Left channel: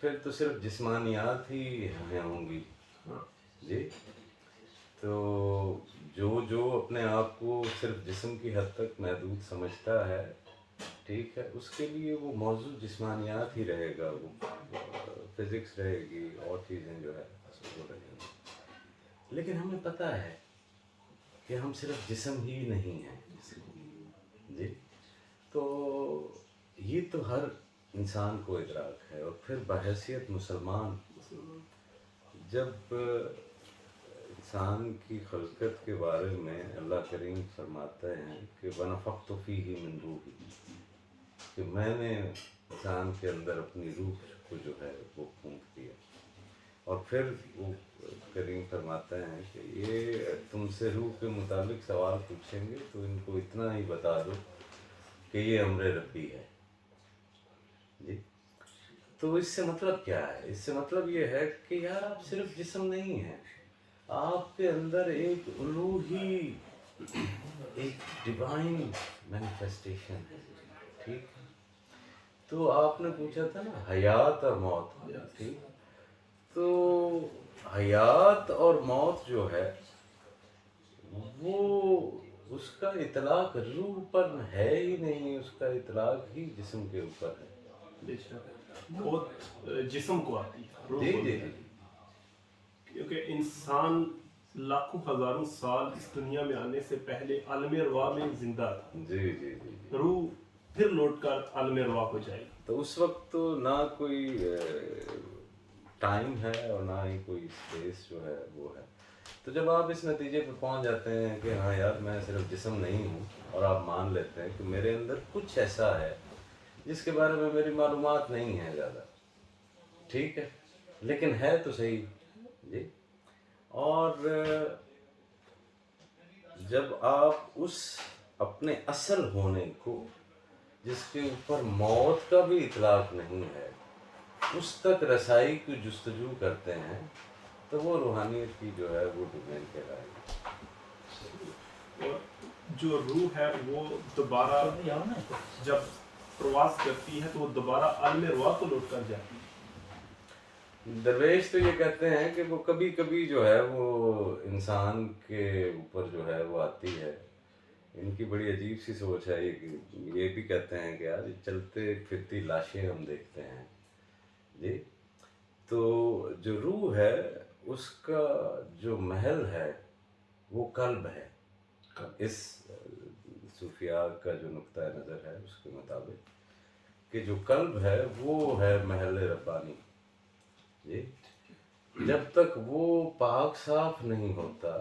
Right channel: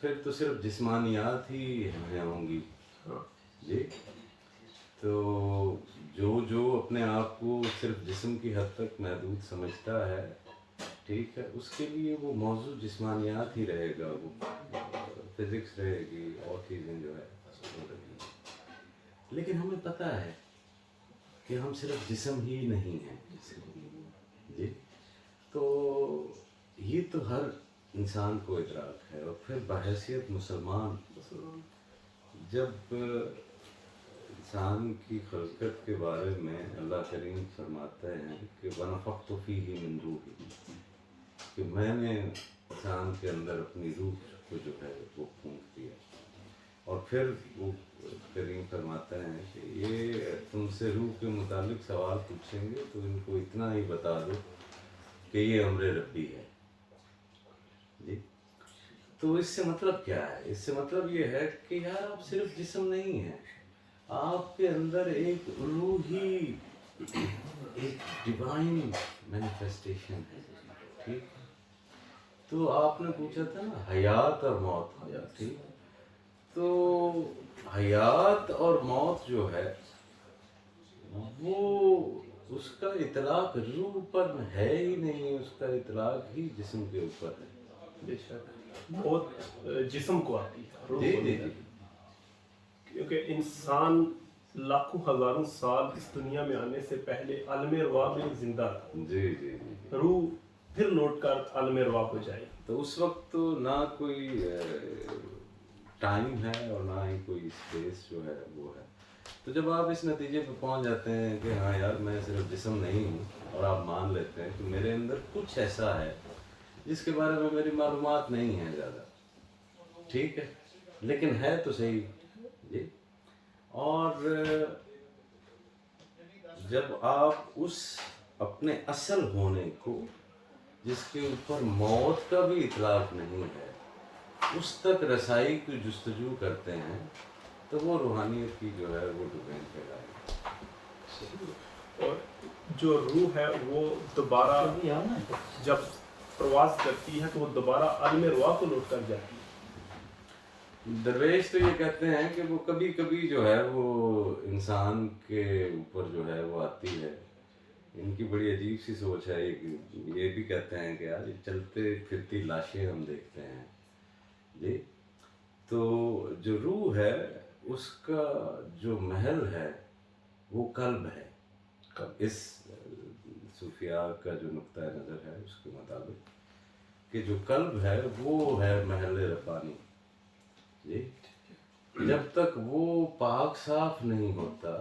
پھر تو صرف جسمانیات ہی ہیں ہوں گی ہاں جی. تو جو اپنے آپ کو صرف جسم کی حد تک محدود سمجھتا ہے ٹھیک ہے، اس کے لیے وہ موضوع جسمانیات ہی رہے گا، وہ فزکس رہے گی اور چیزیں جو ہے وہ رہیں گی. لیکن ہمیں پتہ ہے کہ ہم صرف جسم ہی نہیں ہیں جی. تو یہ تو ہر انسان کو ادراک ہے. اور پھر بحیثیت مسلمان جب انسان کی خلقت کے بارے میں اللہ کریم فرماتے ہیں کہ وَنَفَخْتُ فِيهِ مِن رُوحِي، کہ میں نے انسان کے اندر اپنی روح کو جو ہے وہ پھونک دیا. اور پھر وہ کریم فرماتے ہیں کہ یہ تم سے روح کے متعلق سوال پوچھیں گے تو ان کو اتنا ہی بتا دو کہ یہ امر ربی ہے جی. تو اس سے مطلب کیا ہے؟ اس سے مطلب یہ ہے کہ یار آپ صرف جسم نہیں ہیں، آپ کے اندر ایک الوہی، ایک ڈیوائن مینیفیسٹیشن ہے ٹھیک. تو آپ نے پوچھا تھا نا حیات اور موت، ٹھیک. تو حیات اور موت جو ہے وہ اس کا اطلاق روح پر ہے ہی نہیں، اس کا اطلاق ہی جسم کے اوپر ہے. بے شک موت جسم کو آتی ہے، روح جی کو جی نہیں جی آتی. کیونکہ انسان لاکھوں ہزاروں سال اس دنیا میں آنے سے پہلے عالم روا میں زندہ تھا. جی جی جی جی. روح پھر لوٹ کر عالم روا کو جائے گی. تو اس وقت تو نہ کوئی ٹائم ہے اور نہ ہی کوئی اسپیس جو ہے وہ ہے. تو جب آپ اس نتیجے پہ پہنچ جاتے ہیں کہ ہاں یار میں صرف جسم نہیں ہوں، اور آپ مان لیتے ہیں کہ میرے اندر کچھ ایسا ہے جس کے بارے میں میری معلومات نہیں ہیں زیادہ ٹھیک ہے، لیکن ہے تو صحیح جی. اور جب آپ اس اپنے اصل ہونے کو جس کے اوپر موت کا بھی اطلاق نہیں ہے اس تک رسائی کی جستجو کرتے ہیں تو وہ روحانیت کی جو ہے وہ ڈومین کہلائے گی. اور جو روح ہے وہ دوبارہ جب پرواز کرتی ہے تو وہ دوبارہ عالم روا کو لوٹ کر جاتی ہے. درویش تو یہ کہتے ہیں کہ وہ کبھی کبھی جو ہے وہ انسان کے اوپر جو ہے وہ آتی ہے. ان کی بڑی عجیب سی سوچ ہے. یہ بھی کہتے ہیں کہ یار چلتے پھرتی لاشیں ہم دیکھتے ہیں جی. تو جو روح ہے اس کا جو محل ہے وہ قلب ہے. اس صوفیاء کا جو نقطہ نظر ہے اس کے مطابق کہ جو قلب ہے وہ ہے محل ربانی جی. جب تک وہ پاک صاف نہیں ہوتا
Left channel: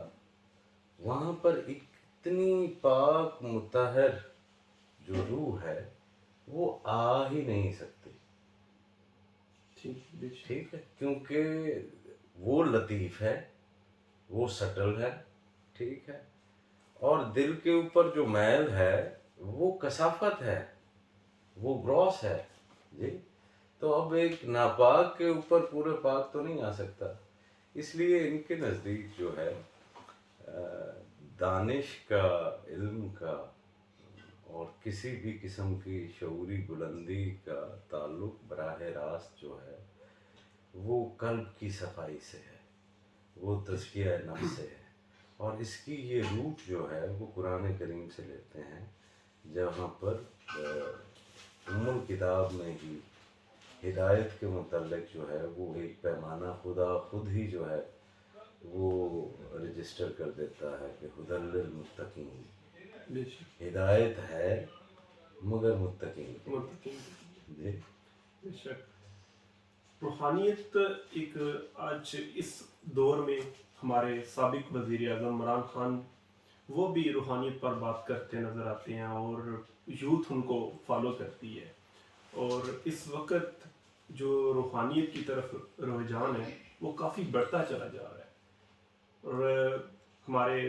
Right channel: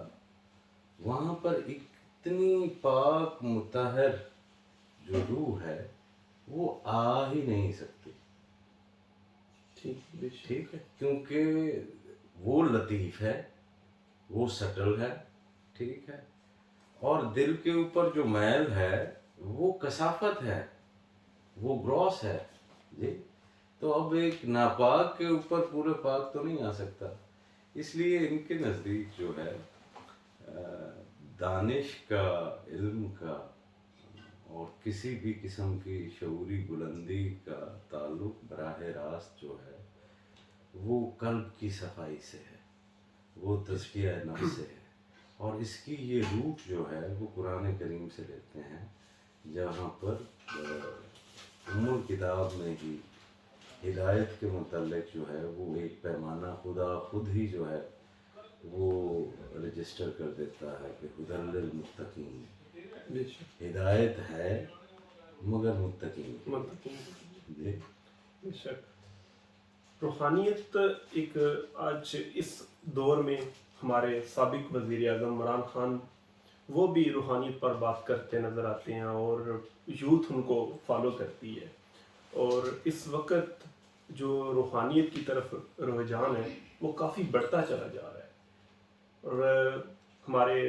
وہاں پر اتنی پاک مطہر جو روح ہے وہ آ ہی نہیں سکتی ٹھیک ہے، کیونکہ وہ لطیف ہے، وہ سٹل ہے ٹھیک ہے. اور دل کے اوپر جو میل ہے وہ کثافت ہے، وہ گراس ہے جی. تو اب ایک ناپاک کے اوپر پورے پاک تو نہیں آ سکتا. اس لیے ان کے نزدیک جو ہے دانش کا، علم کا اور کسی بھی قسم کی شعوری بلندی کا تعلق براہ راست جو ہے وہ قلب کی صفائی سے ہے، وہ تزکیہ نفس سے ہے. اور اس کی یہ روٹ جو ہے وہ قرآن کریم سے لیتے ہیں جہاں پر ام الکتاب میں ہی ہدایت کے متعلق جو ہے وہ ایک پیمانہ خدا خود ہی جو ہے وہ رجسٹر کر دیتا ہے کہ ہدی للمتقین، ہدایت ہے مگر متقین جی. بے شک روحانیت ایک آج اس دور میں ہمارے سابق وزیر اعظم عمران خان وہ بھی روحانیت پر بات کرتے نظر آتے ہیں اور یوتھ ان کو فالو کرتی ہے. اور اس وقت جو روحانیت کی طرف رجحان ہے وہ کافی بڑھتا چلا جا رہا ہے. اور ہمارے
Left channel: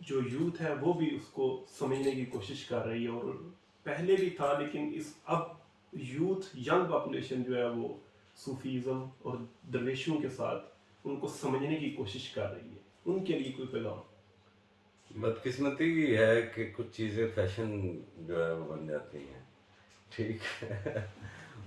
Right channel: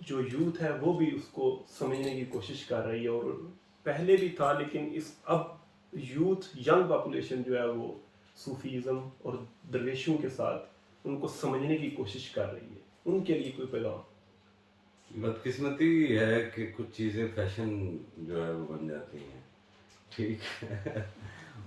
جو یوتھ ہے وہ بھی اس کو سمجھنے کی کوشش کر رہی ہے. اور پہلے بھی تھا لیکن اب یوتھ ینگ پاپولیشن جو ہے وہ صوفیزم اور درویشوں کے ساتھ ان کو سمجھنے کی کوشش کر رہی ہے. ان کے لیے کوئی پیغام؟ بدقسمتی ہے کہ کچھ چیزیں فیشن جو ہے وہ بن جاتی ہیں ٹھیک ہے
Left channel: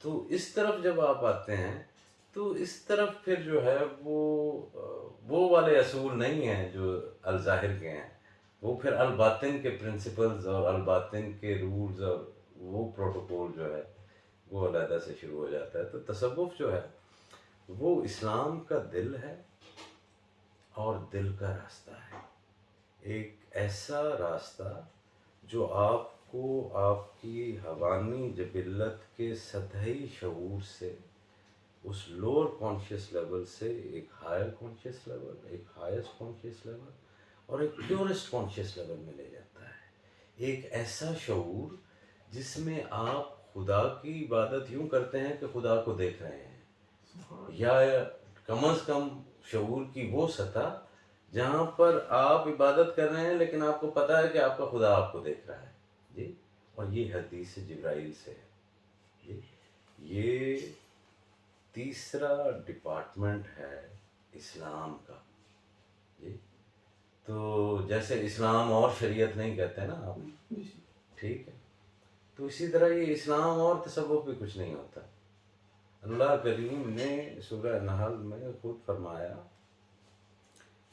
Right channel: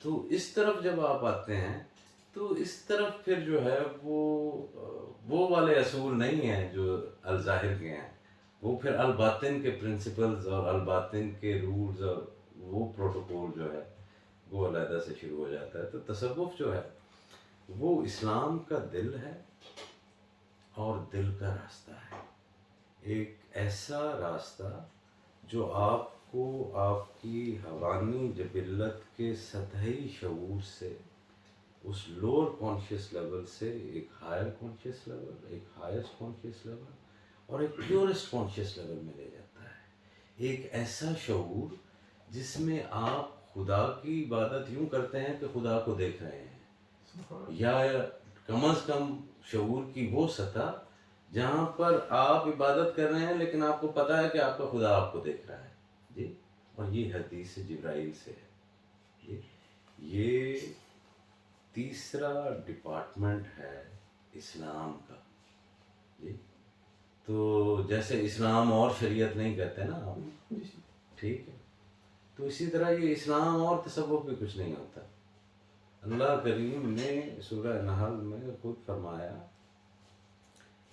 تو اس طرف جب آپ آتے ہیں تو اس طرف پھر جو ہے وہ والے اصول نہیں ہیں جو الظاہر کے ہیں، وہ پھر الباطن کے پرنسپلز اور الباطن کے رولز اور وہ پروٹوکول جو ہے وہ علیحدہ سے شروع ہو جاتا ہے۔ تو تصوف جو ہے وہ اسلام کا دل ہے اور دل کا راستہ ہے، ایک ایسا راستہ جو آپ کو آپ کی حیوانی جبلت کے سطحی شعور سے، اس لوور کانشیس لیول سے ایک ہائر کانشیس لیول، ایک ہائیسٹ کانشیس لیول اور ایک پیورسٹ کانشیس لیول میں لے جاتا ہے۔ ایک ایسا شعور جس میں آپ خدا کی عبادت یوں کرتے ہیں کہ خدا کو دیکھ رہے ہیں، یا کم از کم شعور کی وہ سطح جہاں پر آپ عبادت کر رہے ہیں لیکن آپ کو پتہ ہے کہ آپ کا خدا آپ کو دیکھ رہا ہے جی۔ اور یہ حدیث جبرائیل سے ہے جی۔ یہ تیسرا ڈپارٹمنٹ ہے اسلام کا جی۔ تو جیسے اسلام اور شریعت نہیں کہتے نا آپ، ٹھیک ہے، تو اسی طرح یہ اسلام اور تصوف بھی کچھ نہیں ہوتا۔ اللہ کریم نے سورہ نحل میں خود فرمایا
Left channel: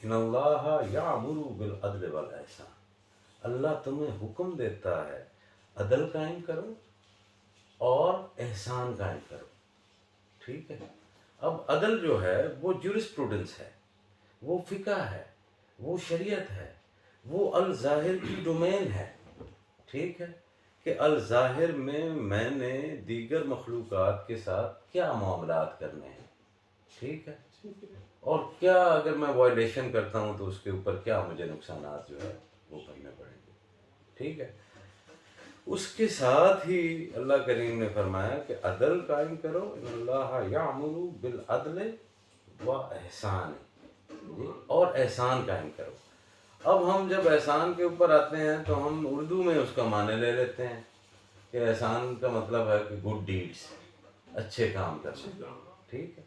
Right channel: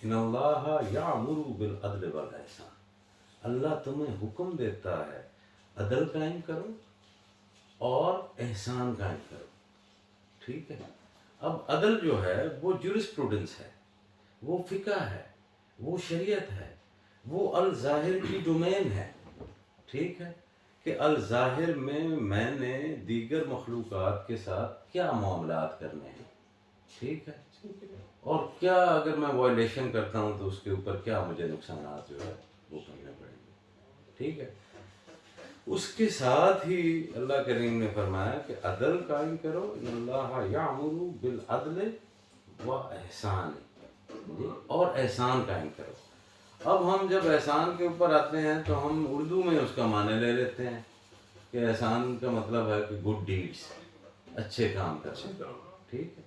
ان اللہ یامر بالعدل والاحسان، اللہ تمہیں حکم دیتا ہے عدل قائم کرو اور احسان قائم کرو، ٹھیک ہے۔ اب عدل جو ہے وہ جورسپروڈنس ہے، وہ فقہ ہے، وہ شریعت ہے، وہ الظاہر کی ڈومین ہے، ٹھیک ہے، کہ الظاہر میں نے دیگر مخلوقات کے ساتھ کیا معاملات کرنے ہیں، ٹھیک ہے، اور کیا اگر میں وائلیشن کرتا ہوں تو اس کے اوپر کیا مجھے نقصانات جو ہے وہ کرنے پڑیں گے، ٹھیک ہے۔ اس کے ساتھ ہی اللہ کریم نے فرمایا کہ عدل قائم کرو، ان اللہ یامر بالعدل و احسان، اور احسان قائم کرو۔ اب ہم جب احسان کے اوپر آتے ہیں تو ہم اردو میں اس کا معنی لے لیتے ہیں کہ احسان کا مطلب ہے کہ گڈ ڈیڈس، اچھے کام کرنا، ٹھیک ہے۔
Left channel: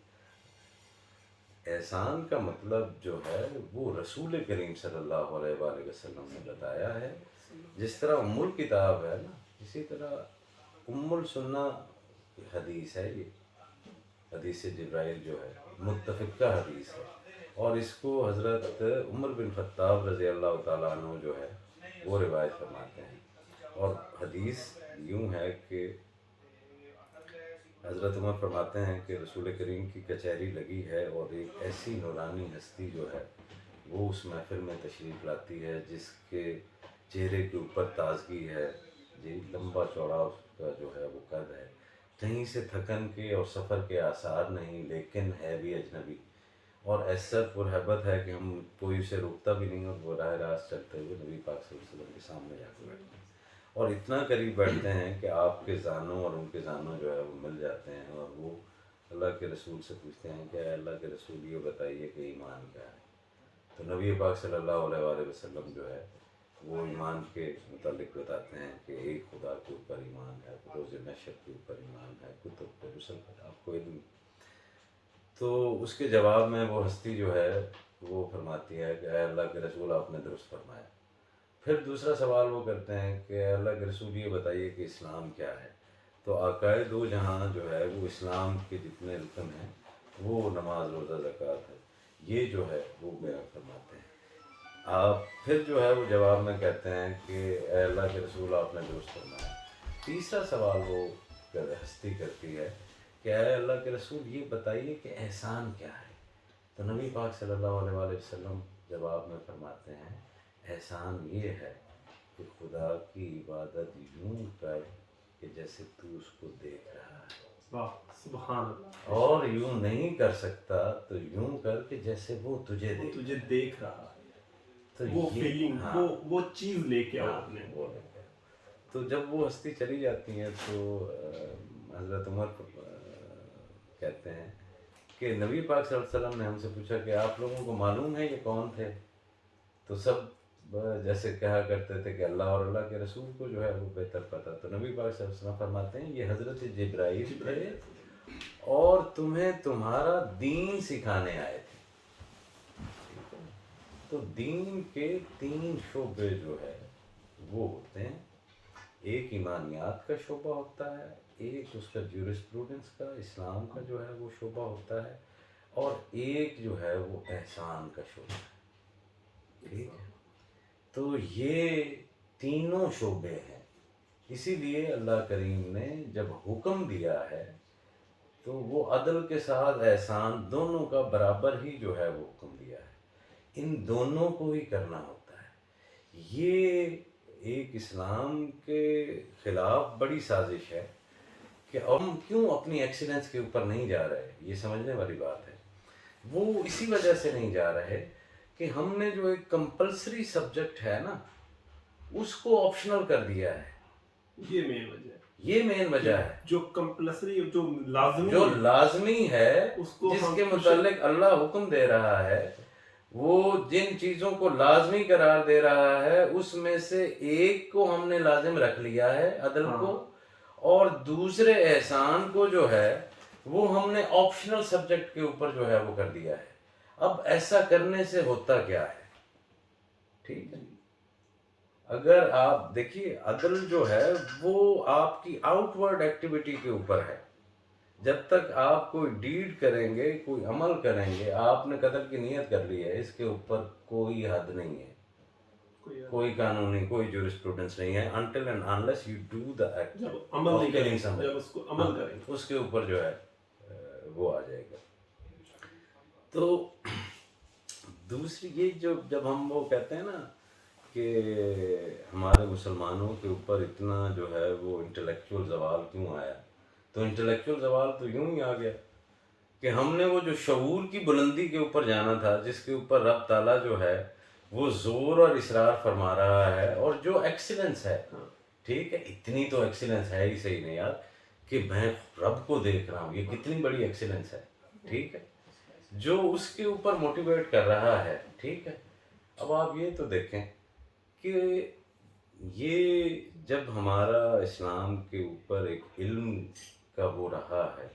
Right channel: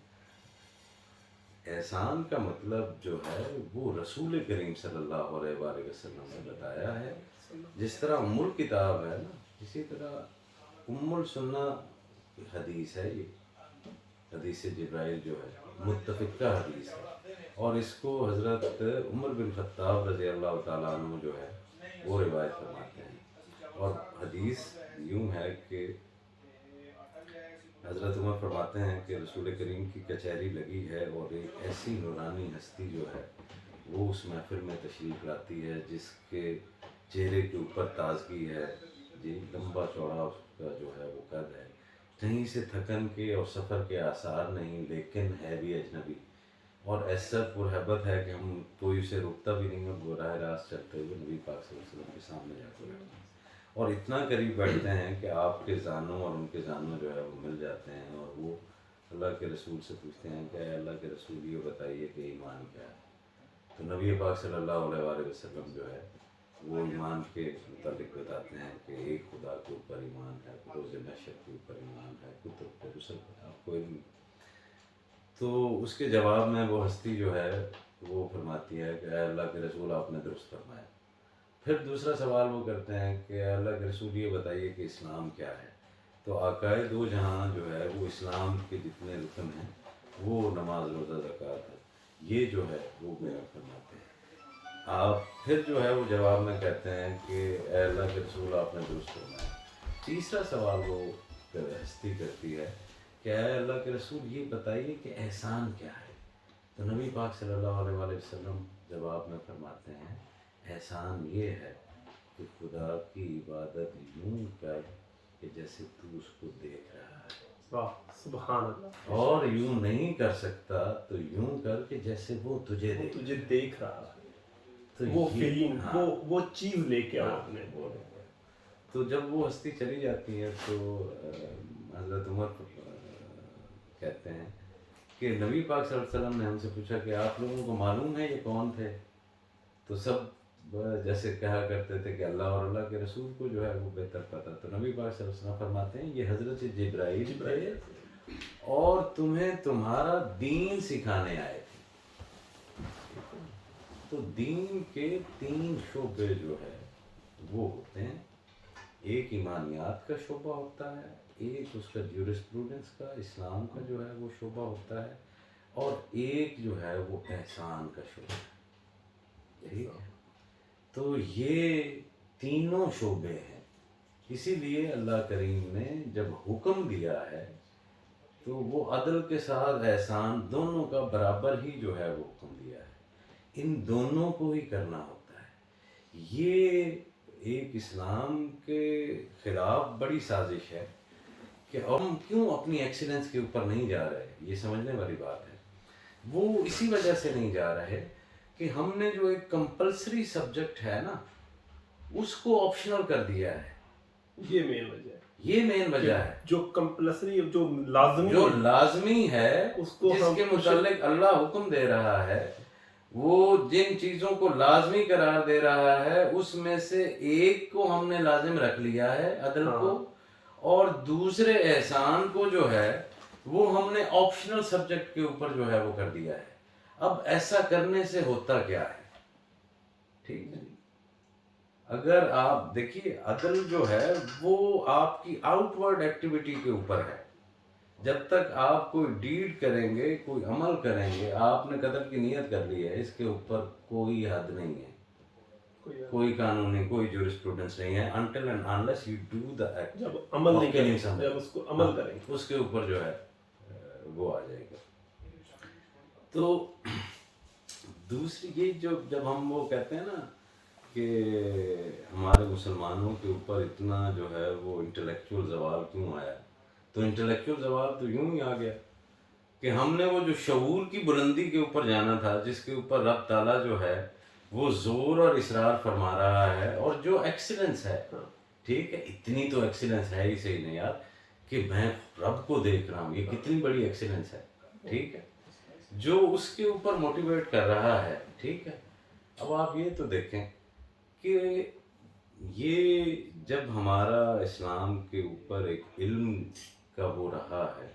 احسان کا مطلب جو ہے وہ رسول کریم صلی اللہ علیہ وآلہ وسلم نے بتایا ہے۔ جس طرح ام الکتاب ہے نا، اسی طرح ام السنہ حدیث ہے، یہ حدیث جبرائیل جو ہے متفقہ حدیث ہے، اور اس کو حضرت عمر بن خطاب رضی اللہ تعالیٰ عنہ جو ہے وہ روایت فرماتے ہیں۔ اور حدیث یوں ہے کہ حضرت عمر فرماتے ہیں کہ رسول کریم کی کچہری لگی ہے اور ایک ایسی نورانی ہستی جو ہے وہ اس محفل میں تشریف لاتی ہے جس کے چہرے کے اوپر تازگی ہے جی، لمبا چوڑا اس کا جو ہے وہ قد ہے، کہیں سے تھکن کے اور سفر کے آثار نہیں، لیکن ہے بھی اجنبی، اور ایسا پرہیبت ہے کہ ہم کوئی اسے روکتا بھی نہیں، اور وہ راہ راست چلتے ہوئے نبی پاک صلی اللہ علیہ وسلم کے سامنے جا کے بیٹھتے ہیں اور اتنا قریب بیٹھتے ہیں کہ آپ کے زانوں اور ان کے زانوں جو ہے وہ مل جاتے ہیں، اور وہ اللہ کے رسول سے پوچھتے ہیں کہ اے اللہ کے رسول یہ بتائیے کہ ایمان کیا ہے۔ تو نبی پاک صلی اللہ علیہ وآلہ وسلم جو ہے وہ ایمان کے متعلق بتاتے ہیں کہ ایک خدا کے اوپر ایمان ہے، روز محشر کے اوپر ایمان ہے، کتب پر، رسل پر، آپ کو علم۔ تو اس کے جواب میں وہ ہستی جو ہے وہ فرماتی ہے کہ اے اللہ کے رسول آپ نے درست فرمایا۔ پھر دوسرا سوال وہ کرتے ہیں کہ اے اللہ کے رسول یہ بتائیے کہ اسلام کیا ہے۔ تو آقائے دو جہاں جو ہے وہ اسلام کے جتنے رکن ہیں وہ نماز، روزہ، زکوٰۃ ہے، یہ جو ہے وہ بیان فرماتے ہیں۔ آپ پھر جو ہے وہ جواب میں کہتے ہیں کہ اے اللہ کے رسول آپ نے درست فرمایا۔ تیسرا سوال وہ ہستی کرتی ہے کہ اے اللہ کے رسول یہ بتائیے کہ احسان کیا ہے۔ تو نبی پاک صلی اللہ علیہ وآلہ وسلم جواب میں فرماتے ہیں احسان یہ ہے کہ خدا کی عبادت یوں کر کہ جیسے تو اس کو دیکھ رہا ہے، واہ سبحان اللہ، اور یوں نہیں کر سکتا تو یوں کر کہ جیسے وہ تجھے وہ دیکھ، تجھے دیکھ رہا ہے، تو وہ یہ- فیلنگ، ہاں، وہ چیز لے کے آؤ ہاں، اپنے۔ وہ لے کر۔ تو جب وہ ہستی چلی جاتی ہے تو حضرت عمر کہتے ہیں کہ نبی پاک صلی اللہ علیہ وسلم نے ہم سے پوچھا کہ آپ لوگوں کو معلوم ہے یہ کون تھے؟ تو سب جیسے کہا کرتے تھے کہ اللہ اور اللہ کے رسول کو جو ہے وہ بہتر پتہ۔ تو نبی پاک صلی اللہ علیہ وسلم فرماتے ہیں یہ حضرت جبرائیل تھے اور تمہیں تمہارا دین سکھانے آئے تھے۔ تو دین کے 3 شعبے جو ہے وہ ہوتے ہیں، ایک ایمانیات کا شعبہ ہوتا ہے، ایک اس کا جورسپروڈنس کا، اسلام کا جو ہے وہ شعبہ ہوتا ہے، اور ایک جو ہے وہ احسان کا شعبہ ہے، ٹھیک ہے؟ تو یہ تینوں شعبے ہیں، اسی لیے اللہ کریم نے جب حکم دیا ہے تو وہ عدل کے ساتھ احسان دونوں کا برابر ہی جو ہے وہ حکم دیا ہے، ان دونوں کو ہی کرنا ہوتا ہے۔ یہ ایک اسلام کے خلاف بڑی سازش ہے کہ ہم کیوں اپنی ایکسیلنس کے اوپر نہیں جا رہے، یہ سمجھنے والی بات ہے۔ وہ اسی وجہ سے نہیں جا رہے کہ ہم نے جو ایک کمپلسری سبجیکٹ ہے نا اس کو آپشنل کر دیا ہے، یہ مین وجہ ہے، یہ مین وجہ ہے۔ جو کمپلسری، جو لازمی جو ہے، لازمی ہے، اس کو جس ہم کے متعلق اللہ حکم دے رہا ہے، وہ جن چیزوں کو لازمی قرار دے رہا ہے اس میں سے ایک کو ہم نے لازم رکھ لیا ہے، عدل کو، اور دوسرے احسان کو جو ہے وہ ہم نے آپشنل سبجیکٹ کے اوپر جو ہے وہ کر دیا ہے۔ اب ایسا کرنے سے ہوتا کیا ہے، ٹھیک ہے؟ اگر آپ دیکھیے عدل جو ہے وہ آپ کی آؤٹ ورڈ ایکٹیویٹی کے اوپر ہے، جب تک آپ کوئی ڈیڈ کریں گے، کوئی عمل کریں گے، آپ نے قتل کی نیت کر لی ہے، اس کے اوپر کوئی حد نہیں ہے، کوئی قانون نہیں، کوئی جورسپروڈنس نہیں ہے، until and unless you do the act جب عمل of نہیں killing کریں، somebody۔ جب اس کو عمل کریں گے، اس کے اوپر جو ہے وہ آ جائے گا۔ تو دوسری یہ جب ہم وہ کہتے ہیں نا کہ ہمارے مسلمانوں کے اوپر اتنا جو ہے وہ انٹلیکچوئل زوال کیوں آیا، تو انٹلیکچوئل زوال تو یوں ہی آ گیا کہ ہم نے وہ جو شعور کی بلندی کے اوپر جانا تھا، جس کے اوپر رب تعالیٰ جو ہے وہ زور اور اصرار فرما رہا ہے، اور جو ایکسیلنس ہے، ٹھیک ہے، اتنی تو ایکسیلنس ہے ہی صحیح نہیں یار کہ میں رب کو دیکھ رہا ہوں، یہ کتنی بڑی ایکسیلنس ہے، ٹھیک ہے، جو اس کے اوپر موٹیویٹ کر رہا ہے، ٹھیک ہے۔ اب آپ یہ تو دیکھیں کہ یہ جب ہمارا اسلام کے اوپر ایک علم کا وہ رہا ہے،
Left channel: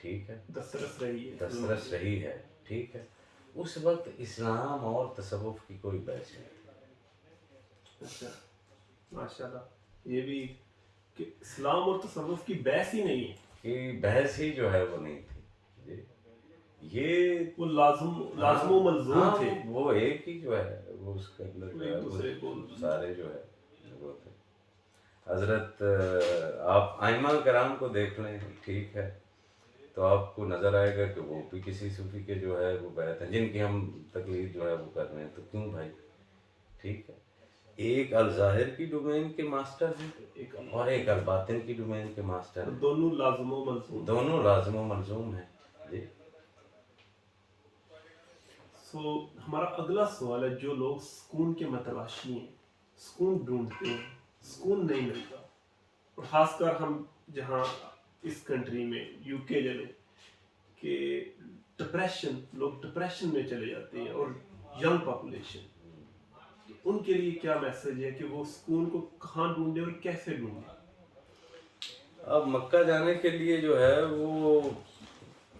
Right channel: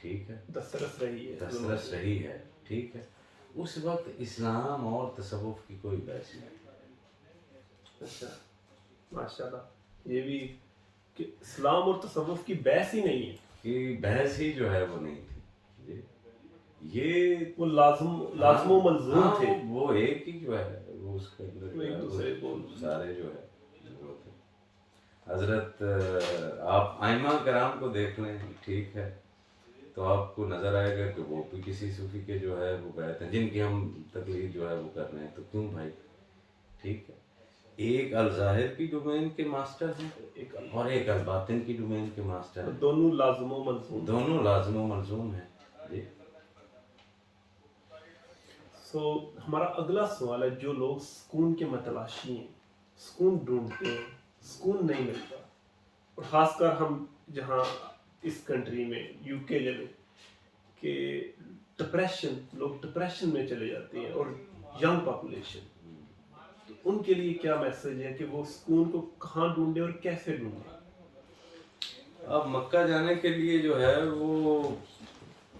ٹھیک ہے، دسترس رہی ہے، دسترس رہی ہے، ٹھیک ہے، اس وقت اسلام اور تصوف کی کوئی بحث نہیں۔ اچھا، ماشاء اللہ، یہ بھی کہ اسلام اور تصوف کی بحث ہی نہیں ہے، کہ بحث ہی جو ہے وہ نہیں تھی جی، یہ وہ لازم و ملزوم تھے، وہ ایک ہی جو ہے وہ اس کے اندر وہ ایک دوسرے کو سارے جو ہے وہ تھے۔ حضرت آپ ائمہ کرام کو دیکھ لیں، ٹھیک ہے، تو آپ کو نظر آئے گا کہ وہ بھی کسی صوفی کے جو ہے وہ بیعت ہیں، جن کی ہم تقلید جو ہے وہ کر رہے ہیں، تو کیوں بھائی، ٹھیک ہے، ایک الظاہر کی ڈومین کے ماسٹر ہیں اور ایک الباطن کی ڈومین کے ماسٹر ہیں، دونوں لازم و ملزوم، دونوں لازم و ملزوم ہیں جی۔ سو ہمارا اگلا سوال ہے، جو لوگ سکون کے متلاشی ہیں، سکون ڈھونڈتے ہیں، سکون نہیں ملتا، اور خاص کر ہم جہاں اس کنٹری میں یو کے جلے کہ لوگ ڈپریشن میں چلے جاتے ہیں، اور ینگ پاپولیشن، تو ان کے لیے کیا میسج ہے کہ وہ سکون کو کہاں ڈھونڈیں اور کیسے ڈھونڈیں؟ اب مکہ جانے کے لیے جو ہے وہ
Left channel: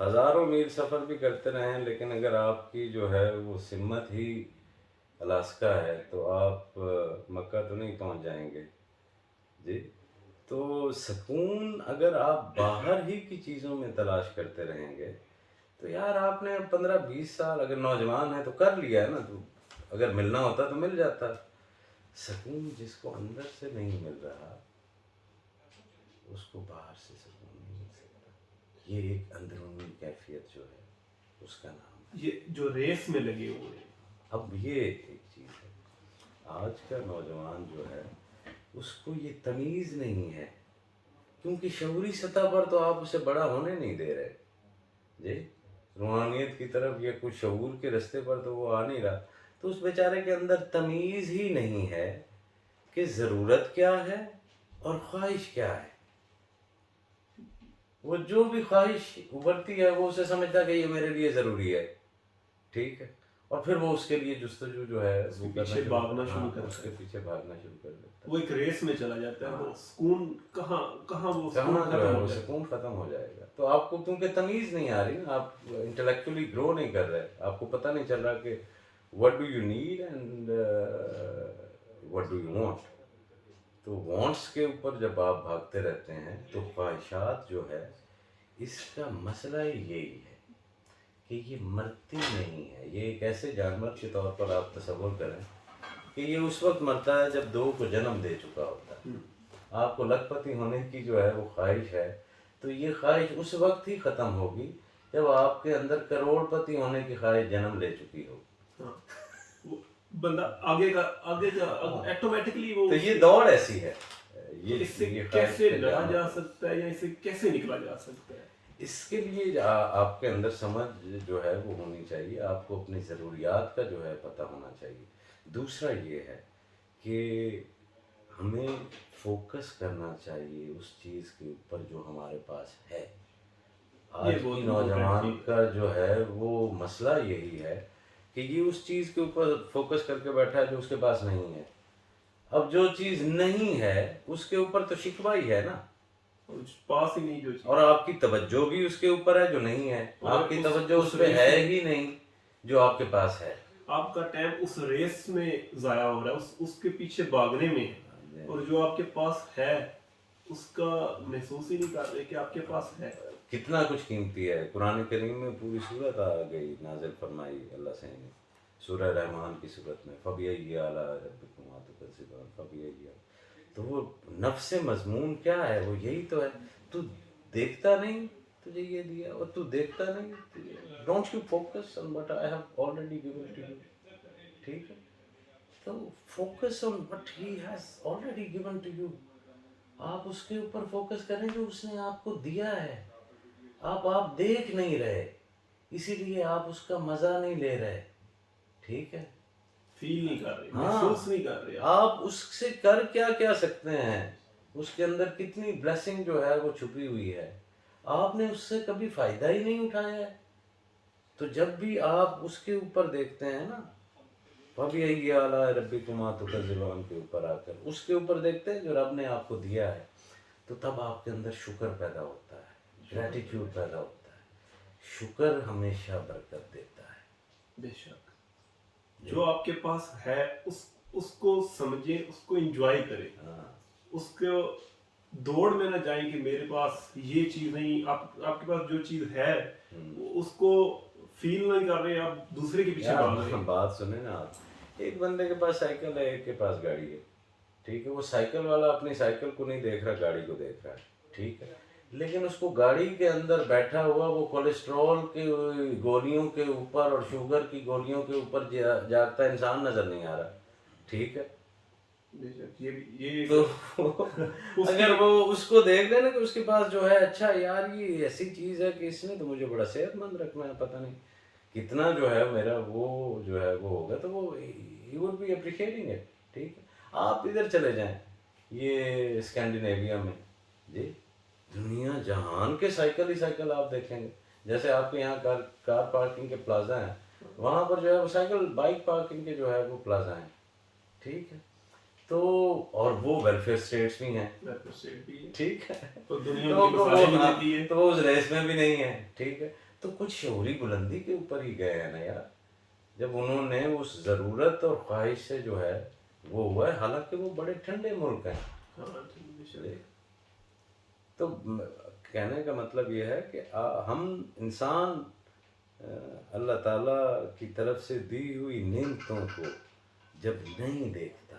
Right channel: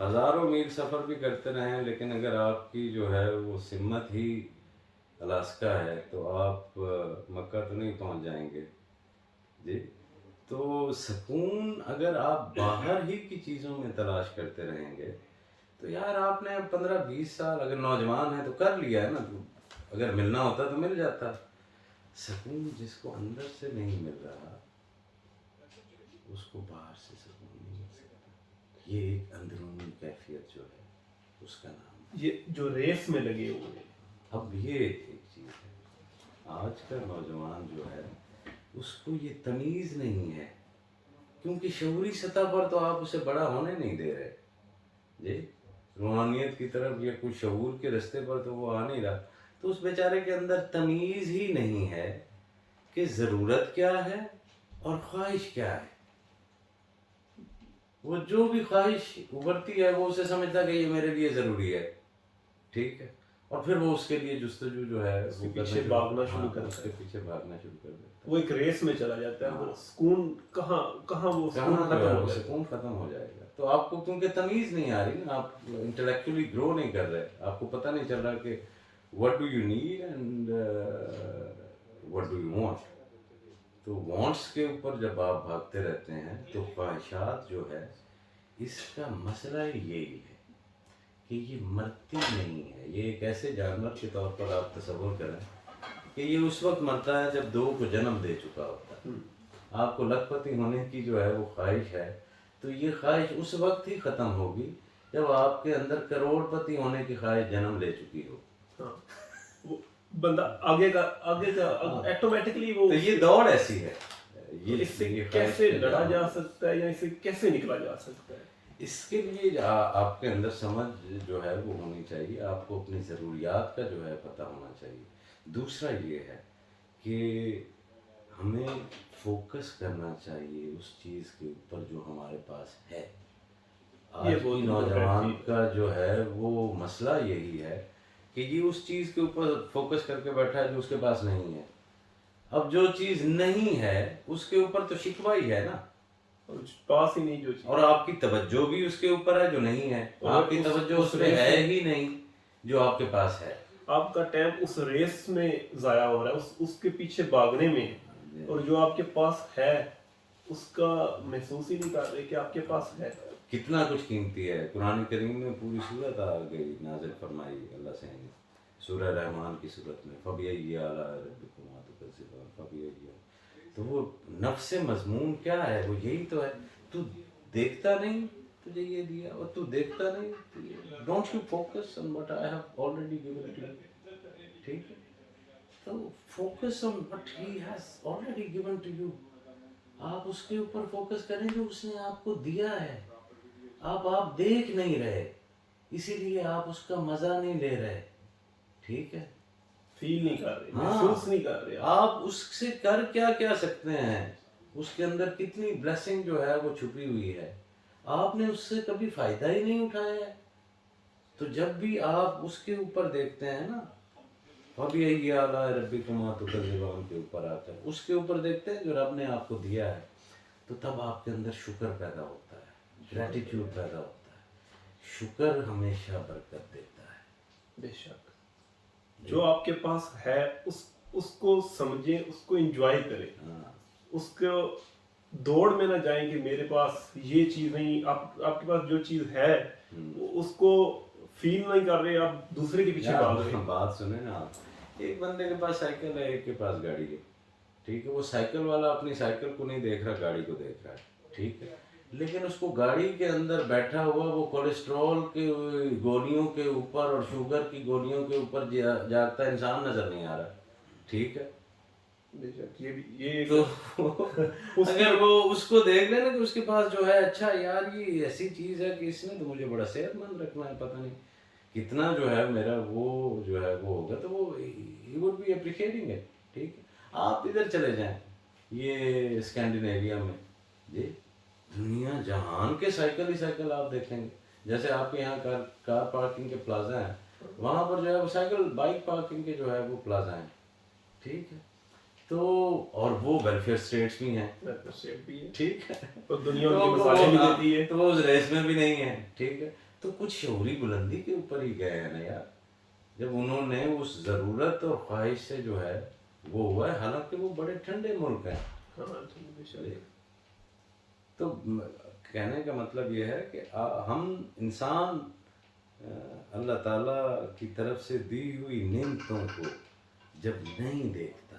ہزاروں میل سفر بھی کرتے رہیں، لیکن اگر آپ کی جو ہے وہ سمت ہی الاسکا ہے تو آپ مکہ تو نہیں پہنچ جائیں گے جی۔ تو سکون اگر آپ باہر ہی کی چیزوں میں تلاش کرتے رہیں گے تو یار آپ نے 15-20 سال اگر نوجوان ہیں تو کر لیا ہے نا، تو اگر ملنا ہوتا تو مل جاتا۔ سکون جس کو اندر سے نہیں مل رہا اس کو باہر سے سکون نہیں مل سکتا، یہ ایک اندرونی کیفیت جو ہے اس کا نام ہے، یہ جو ریس میں لگے ہوئے ہیں۔ اب یہ ایک چیز ہے، آج کا نوجوان جو ہے اس کو یہ تمیز نہیں ہے، کیونکہ شعوری سطح پر تو آپ اسے بڑا ہونے نہیں دے رہے جی، روحانیت کی طرف یا کچھ شعور کے رستے پر تو وہ آ نہیں رہا، تو اس بیچارے کے اندر تمیز ہی نہیں ہے کہ ضرورت کیا ہے اور خواہش کیا ہے۔ وہ جو بھی خواہش ابھرتی ہے وہ اسے سمجھتا ہے کہ یہ میرے لیے ضروری ہے، ٹھیک ہے، اور پھر وہ اس کے لیے جستجو جو ہے اس کے پیچھے بھاگنا شروع کرتا ہے، اس کے پیچھے بھاگنا شروع کر دیتا ہے، وہ ایک ریس میں چلا جاتا ہے، وہ سکون کہاں وہ سکون ختم ہو جاتا ہے، سکون ختم ہو جائے گا۔ تو آپ کو کیونکہ تمیز نہیں آ رہی نا، آپ انٹلیکچولی گرو نہیں کر رہے، آپ کو پتہ نہیں چل رہا کہ what do you need and what do you want۔ تو وانٹس کے اوپر جب آپ بھاگتے رہتے ہیں تو خواہشات جو ہے اس کا مسئلہ یہی ہے کہ یہ مرتی نہیں ہے. یہ ایک ایسے جانور کے طور پر آپ تصور کریں کہ یہ اس وقت مرتا ہے جب دو کو جنم دے چکا ہوتا ہے. آپ کو لکھ پتی ہونے کی جو ہے وہ خواہش ہے تو یہ خواہش اس وقت ہی ختم ہوگی جب آپ کے اندر کروڑ پتی ہونے کی خواہش جنم لے چکی ہو. ہاں وہ بندہ آگے کا ایٹومیٹکلی وہ تو یہ دوڑ ایسی ہے. اس سے یہ کیسے خواہش کا لڑا جام جا ہے. سکتا ہے یا اس سے کیسے نکلا جا سکتا ہے؟ اس کے لیے آپ کے اندر سمجھ جو ہے وہ ہونی چاہیے. آپ کو اپنی ضروریات کا جو ہے پتہ ہونا چاہیے. دوسرا یہ ہے کہ ہمیں فوکس کرنا چاہیے اس چیز کے اوپر جو ہمارے پاس ہے. یہ آج بہت کی امپورٹنٹ نوجوان چیز ہے. کا جو ہے وہ مسئلہ یہی ہے کہ یہ اس چیز کے اوپر فوکس کر کے بیٹھا ہے جو اس کے پاس نہیں ہے. اب جو چیز نہیں ہے اس کے اوپر تو شکوہ ہی ہے نا, اور پاس ہی نہیں جو چیز, اور آپ کی توجہ بھی اس کے اوپر ہے جو نہیں ہے. اور آپ کی اس- توجہ اس اس پہ ریس ہے میں- ہی نہیں جو آپ کے پاس ہے. آپ کا ٹائم اس ریس میں ضائع ہو رہا ہے, اس کے پیچھے بھاگنے میں ہے, اور جو آپ کے پاس ہے اس کا محسوس ہی نہیں کر رہے کہ آپ کے پاس ہے. کتنا کچھ قیمتی ہے. قرآن کریم میں پوری صورت آ گئی نازل فرمائی اللہ سے نے سورہ رحمان کی صورت میں فَبِأَيِّ آلَاءِ رَبِّكُمَا تُكَذِّبَانِ فَبِأَيِّ. تو وہ نفس مضمون کیا ہے, وہ یہی تو ہے. تو دیکھتا نہیں تجھے یہ دیا, اور تو دیکھتا نہیں don't you focus on what I have already given to you. ٹھیک ہے, تو focus on what he has already given to you. آپ اس کے اوپر فوکس کریں جو اس نے آپ کو دیا ہے. آپ دیکھ نہیں رہے, اسی لیے آپ اس کا مزہ نہیں لے رہے. ٹھیک ہے, فیل نہیں کر رہے, ہاں. محسوس نہیں کر رہے. آپ اس سے کر کیا سکتے ہیں, اس کے اندر کتنی بلیسنگ جو ہے وہ چھپی ہوئی ہے, آپ نے اس سے کبھی فائدہ ہی نہیں اٹھایا ہے. تو جب بھی آپ اس کے اوپر دیکھتے ہیں نا, فَبِأَيِّ آلَاءِ رَبِّكُمَا تُكَذِّبَانِ کے اوپر آ کر اس کے اوپر دیکھتے ہیں جو رب نے آپ کو دیا ہے, تو تب آپ کے اندر شکر پیدا ہوتا ہے, گریٹیٹیوڈ پیدا ہوتا ہے. شکر ہمیشہ برکت دیتا ہے. بے شک جو آپ کے پاس ہے اس کو سمجھیں, اس کو انجوائے کریں. ہاں, اس کو دوڑ میں نہ جائیں کہ میرے پاس یہ چیز نہیں. آپ کے پاس جو چیز ہے اس کو فیل نہیں کر رہے, آپ دوسرے کے پیچھے بھاگ رہے. بات سنیں نا آپ, ایک بندے کے پاس سائیکل ہے, ایک کے پاس گاڑی ہے. ٹھیک ہے, وہ سائیکل والا اپنی سائیکل کو نہیں دیکھ رہا, گاڑی کو دیکھ رہا ہے. ٹھیک ہے, لیکن اس کو گاڑی کے اندر بیٹھا ہوا وہ کولیسٹرول کی گولیوں کے اوپر اور شوگر کی گولیوں کے اوپر جاگتا انسان نظر نہیں آ رہا. ٹھیک ہے, بے شک یہ تو اگر وہ اس کو دیکھ لے نا کہ اس کے پاس جو ہے, اچھا یار یہ ایسی چیز ہے کہ اس نے تو مجھے بڑا صحت مند رکھنا ہے, پتہ نہیں کتنا جو ہے میرا وہ جو ہے وہ ہوگا, تو وہ he would be appreciating it. ٹھیک ہے, آپ ادھر چلے جائیں یہ اسکینڈینیویا میں, جی دنیا جہان کے سائیکل ہی سائیکل آپ دیکھیں گے. جیسے آپ کے یہاں کار پارکنگ کے پلازا ہیں, وہاں پر جو ہے وہ سائیکل بائک پارکنگ کے جو ہے وہ پلازا ہیں. ٹھیک ہے, تو اور وہ ویلفیئر اسٹیٹس بھی ہیں. ٹھیک ہے, تو دنیا ان کی مثالیں بھی دیتی ہے, تو وہ اس ریس میں بھی نہیں ہے. ٹھیک ہے, تو کچھ شعوری بلندی کے اوپر ہی گئے ہیں نا یار, جب انہوں نے اس ضرورت اور خواہش سے جو ہے وہ ہوا ہے. حالانکہ وہ بڑے ٹھنڈے ملک ہیں. تو کہنے کا مطلب یہ ہے کہ ہم انسان اللہ تعالیٰ کی طرف سے دی ہوئی نعمتوں کو جب نہیں دیکھتا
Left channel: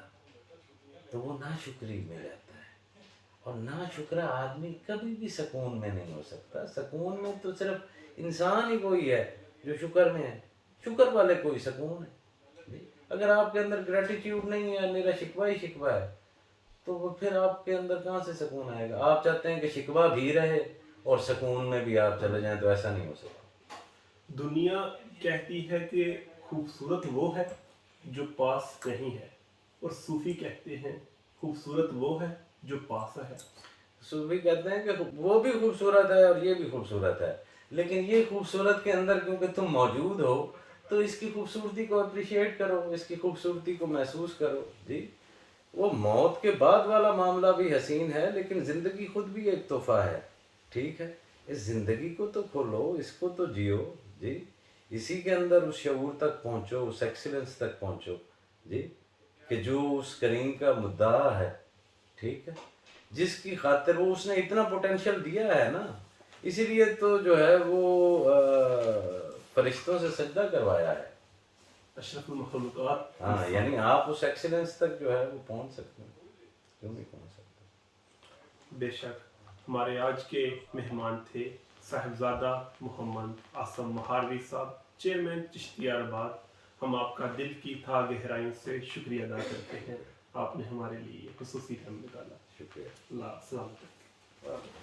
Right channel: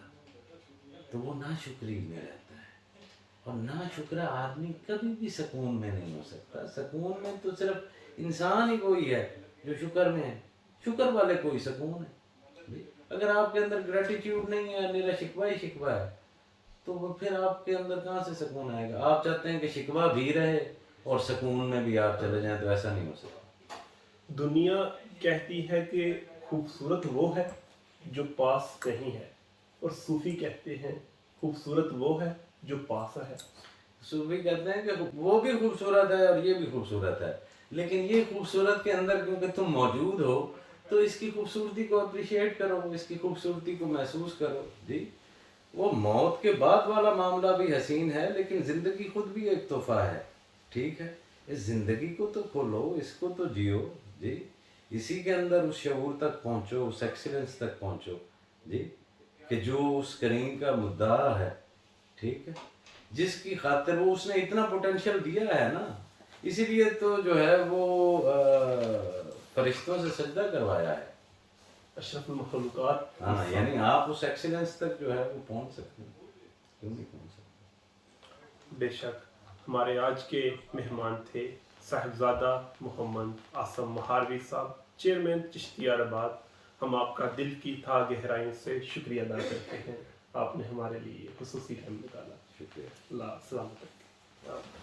تو وہ ناشکری میں رہتا ہے, اور ناشکرا آدمی کبھی بھی سکون میں نہیں ہو سکتا. سکون میں تو صرف انسان ہی کوئی ہے جو شکر میں ہے. شکر والے کوئی سکون ہے. اگر آپ کے اندر گریٹیٹیوڈ نہیں ہے, میرا شکوہ ہی شکوہ ہے, تو وہ پھر آپ کے اندر کہاں سے سکون آئے گا. آپ چاہتے ہیں کہ شکوہ بھی رہے اور سکون میں بھی آپ چلے جائیں, تو ایسا نہیں ہو سکتا. دنیا کہتی ہے کہ خوبصورت وہ ہے جو پاس نہیں ہے, اور صوفی کہتے ہیں خوبصورت وہ ہے جو پاس ہے. صوفی کہتے ہیں کہ وہ بھی خوبصورت ہے اور یہ بھی خوبصورت ہے, لیکن یہ خوبصورت کے اندر کیونکہ تم موجود ہو تو اس کی خوبصورتی کو اپریشیٹ کرو, اس کی خوبصورتی کو محسوس کرو. جی, وہ موت کے بعد والا معاملہ بھی حسین ہے, لیکن زندگی خود بھی ایک تحفہ ہے. ٹھیک ہے, اس زندگی کو تو کھولو, اس کو تو جیو. جی, اسی کے اندر اس شعور تک پہنچو, اس ایکسیلنس تک پہنچو. جی, کہ جو اس کریم کا مدعا ہے. ٹھیک ہے، جس کی خاطر وہ اس نے اتنا پوٹینشیل دیا ہے نا، اسی لیے تو جو ہے وہ فرشتوں سے سجدہ کروایا ہے. اشرف المخلوقات. ہاں یعنی آپ اس ایکسیلنس تک جو ہے وہ پہنچ سکتے ہیں، کیوں نہیں پہنچ سکتے. بے شک. ہمارے آج کے مہمان تھے صاحبزادہ محمد عاصم مہاروی صاحب، چیئرمین چشتیار آباد. ہم آپ کا دل کی تھا گہرائیوں سے شکریہ ادا کرتے ہیں، آپ نے ہمارے لیے خصوصی ٹائم نکالا. شکریہ. اللہ سلامت رکھے.